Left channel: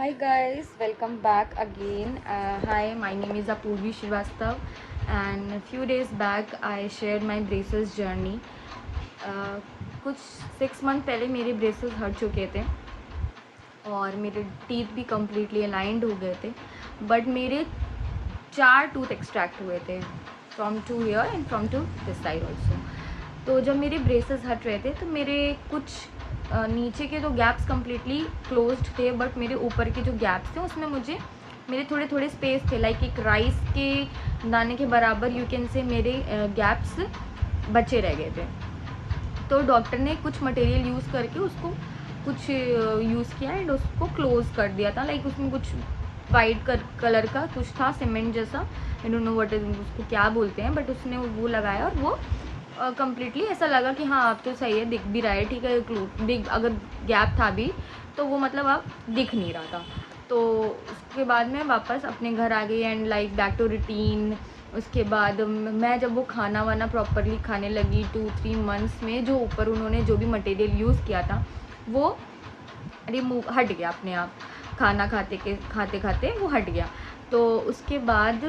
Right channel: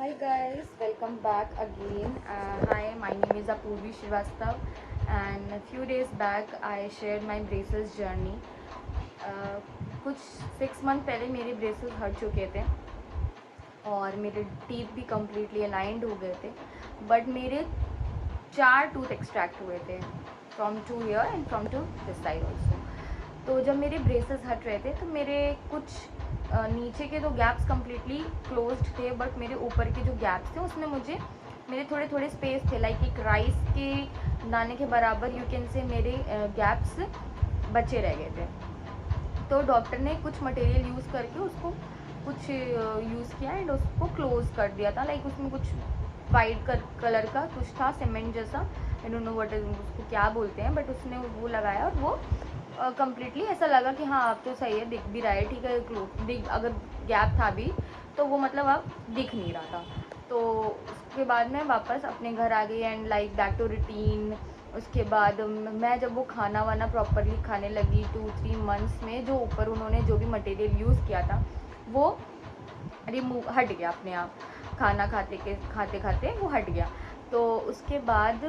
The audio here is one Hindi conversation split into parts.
Hi guys, welcome back again. Hi, my name is Apurvi Srivastav, and a few days back I shared my braces journey. कुछ 6 मंथ पहले मेरे ब्रेसेस हट चुके थे और मेरे टीथ भी कम्प्लीटली अलाइंड हो गए थे, बट मेरे 4 टूथ एक्सट्रैक्ट हुए थे from two here and from two this side also. तो जब मेरे ब्रेसेस हट रहे थे तो मेरे कुछ नीचे के जो गैप्स कम्प्लीटली क्लोज्ड थे, बट मेरे ऊपर के जो गैप्स थे उसमें मुझे मेरे थोड़े थोड़े स्पेस थे, लाइक एक राइस के दाने के बराबर यू कैन से मेरे गैप्स बचे रह गए थे। तो डॉक्टर ने कुछ मटेरियल यूज़ करके उसको कुछ यूज़ किया एंड उसको क्लोज कर दिया था, लाइक उसमें कुछ वाइट कलर का कुछ था, सीमेंट जैसा, I don't know what is, उसको क्या बोलते हैं, बट उसने वो लगाया और वो कम्प्लीटली ऐसा लगा कि हाँ अब तो सही है, दिख भी रहा है, ठीक है, दिख अगर गैप था भी तो वो मतलब अब दिख नहीं रहा था। तो उसके बाद मैं वापस अपने घर आ गई and like back to routine. उसके बाद मैं जब वो खाना वाना प्रॉपरली खाने लगी 2-3 मंथ्स में, जो ऊपर उन्होंने जो भी मटेरियल यूज़ किया था वो रिमूव हट गया अपने आप, खाना खाते खाते वो हट गया। तो उसके बाद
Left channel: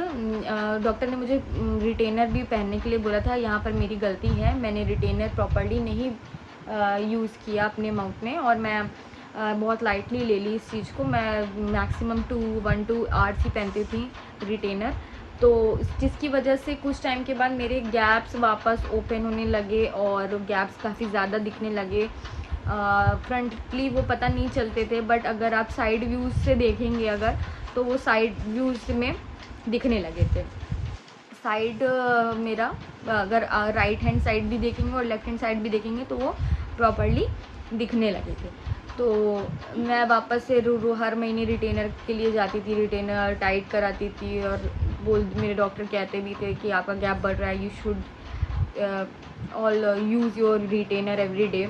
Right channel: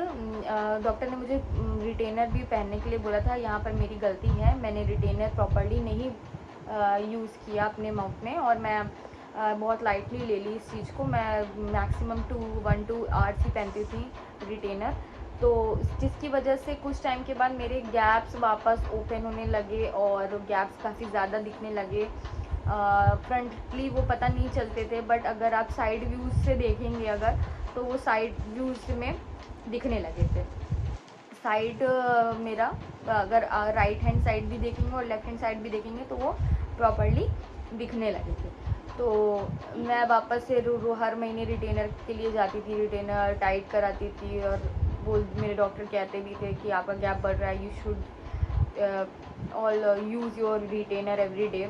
डॉक्टर ने मुझे रिटेनर भी पहनने के लिए बोला था। यहाँ पर मेरी गलती है, मैंने रिटेनर प्रॉपरली नहीं यूज़ किया अपने माउथ में, और मैं बहुत लाइटली ले ली इस चीज़ को। मैं मैक्सिमम 1-2 आवर्स ही पहनती थी रिटेनर, तो जिसकी वजह से कुछ टाइम के बाद मेरे गैप्स वापस ओपन होने लगे और गैप्स काफ़ी ज़्यादा दिखने लगे। फ्रंटली वो पता नहीं चलते थे, बट अगर आप साइड व्यूज़ से देखेंगे अगर, तो वो साइड व्यूज़ में दिखने लगे थे। साइड मेरा अगर राइट हैंड साइड भी देखेंगे और लेफ्ट हैंड साइड भी देखेंगे तो वो प्रॉपरली दिखने लगे थे। तो मैं वापस से हर महीने रिटेनर के लिए जाती थी, रिटेनर टाइट कराती थी, और मेरे डॉक्टर कहते भी थे कि आपका गैप बढ़ रहा है, you should all use your retainer every day.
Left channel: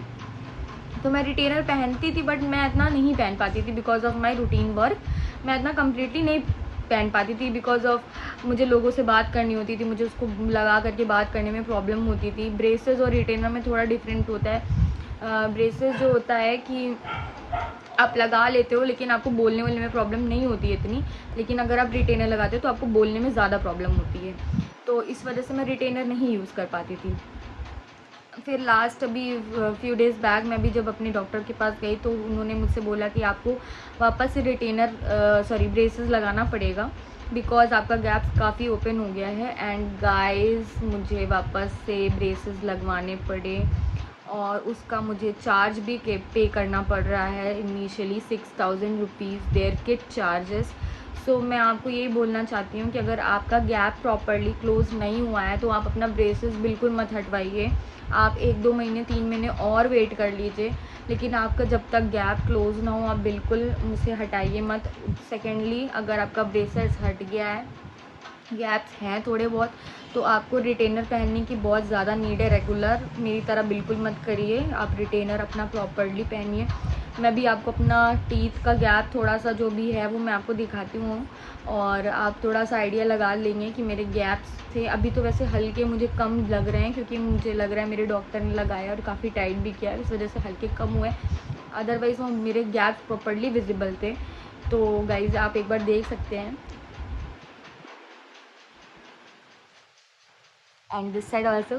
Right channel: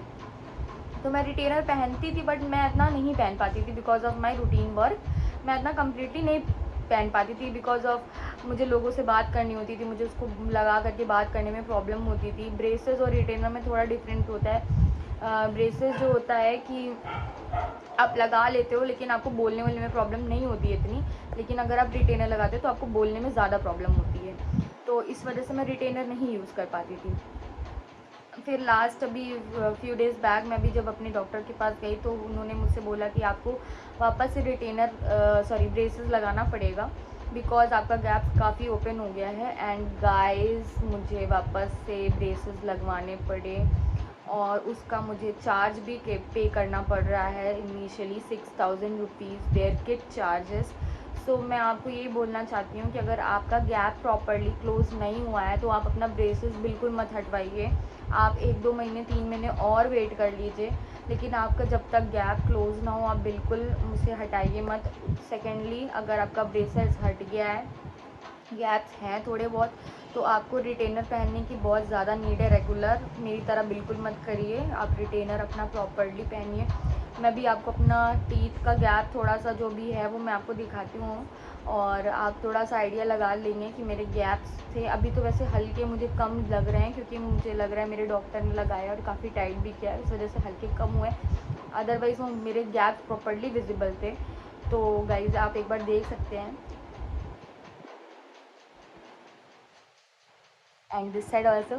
तो मैं रिटेनर पहनती थी, बट मैं इतना नहीं पहन पाती थी because of my routine work. मैं इतना कम्प्लीटली नहीं पहन पाती थी बिकॉज ऑफ मुझे लोगों से बात करनी होती थी, मुझे उसको लगा करके बात करने में प्रॉब्लम होती थी। ब्रेसेस और रिटेनर में थोड़ा डिफरेंट होता है। ब्रेसेस जो होता है कि आप लगा लेते हो लेकिन आपको बोलने वोलने में प्रॉब्लम नहीं होती है इतनी, लेकिन अगर आप रिटेनर लगाते हो तो आपको बोलने में ज़्यादा प्रॉब्लम होती है। तो इस वजह से मैं रिटेनर नहीं यूज़ कर पाती थी। फिर लास्ट अभी फ्यू डेज़ बैक मैं भी जब अपने डॉक्टर के पास गई तो उन्होंने मुझसे बोला कि आपको वापस से रिटेनर ब्रेसेस लगाना पड़ेगा बिकॉज़ आपका गैप काफ़ी ओपन हो गया है। एंड गाइस मुझे वापस से ब्रेसेस लगवाने पड़े और उसका मुझे चार्ज भी पे करना पड़ रहा है। Initially 6000 rupees their kit charges. So मैं आपको यही बोलना चाहती हूँ कि अगर आपका गैप प्रॉपरली क्लोज नहीं हुआ है तो आप अपना ब्रेसेस बिल्कुल मत हटवाइए। आप 1-2 महीने 3 महीने और वेट कर लीजिए, लेकिन आपका जब तक गैप क्लोज ना हो आप बिल्कुल मुझसे हटाइए मत। सेकेंडली, अगर आपका ब्रेसेस हट गया है, गैप्स हैं थोड़े बहुत, तो आपको रिटेनर पहनने की बहुत ज़्यादा नीड है। रेगुलर मेरी तरह बिल्कुल मत करिए, आप रिटेनर अपना प्रॉपरली पहनिए। मैं भी आपको अपना टीथ का गैप थोड़ा सा जो भी है वो मैं आपको दिखाती हूँ, और आप थोड़ा सा आइडिया लगा लेंगे कि मेरे गैप्स थे। अभी तो वैसे हल्के मुझे कम लग रहे हैं क्योंकि मुझे लग रहा है मेरे डॉक्टर ने लगाया और काफ़ी टाइट भी किया है, इस वजह से हल्के कम हुए। अदरवाइज़ वो मेरे गैप्स प्रॉपरली विजिबल थे। तो गाइज़ आप एक बार देख सकते हैं। And this side also,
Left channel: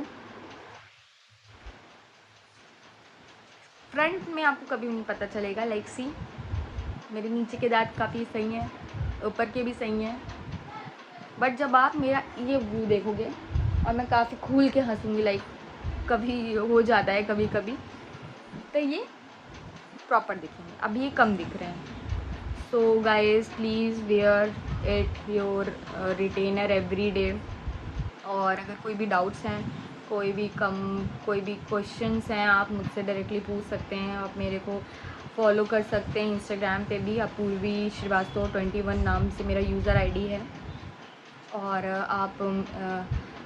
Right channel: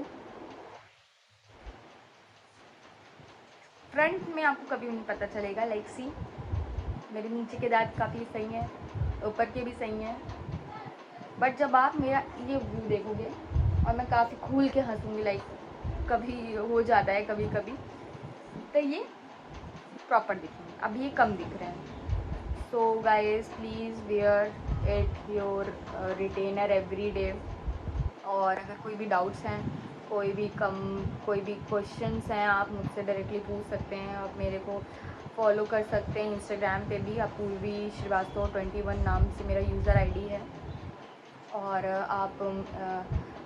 front में आपको कभी नहीं पता चलेगा। लाइक सी, मेरे नीचे के दांत काफ़ी सही हैं, ऊपर के भी सही हैं, बट जब आप मेरा ये व्यू देखोगे और मैं काफ़ी खुल के हंसूंगी, लाइक कभी हो जाता है कभी कभी, तो ये प्रॉपर दिखेंगे, अब ये कम दिख रहे हैं। So guys please where it your retainer every day. और अगर कोई भी डाउट्स हैं, कोई भी क्वेश्चंस हैं, आप मुझसे डायरेक्टली पूछ सकते हैं। आप मेरे को फॉलो कर सकते हैं इंस्टाग्राम पे भी, अपूर्वी श्रीवास्तव 21 नाम से मेरा यूज़र आईडी है। और आप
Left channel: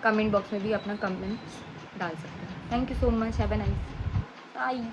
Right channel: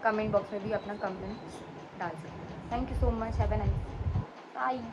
कमेंट बॉक्स में भी अपना कमेंट्स डाल सकते हैं। Thank you so much, have a nice bye.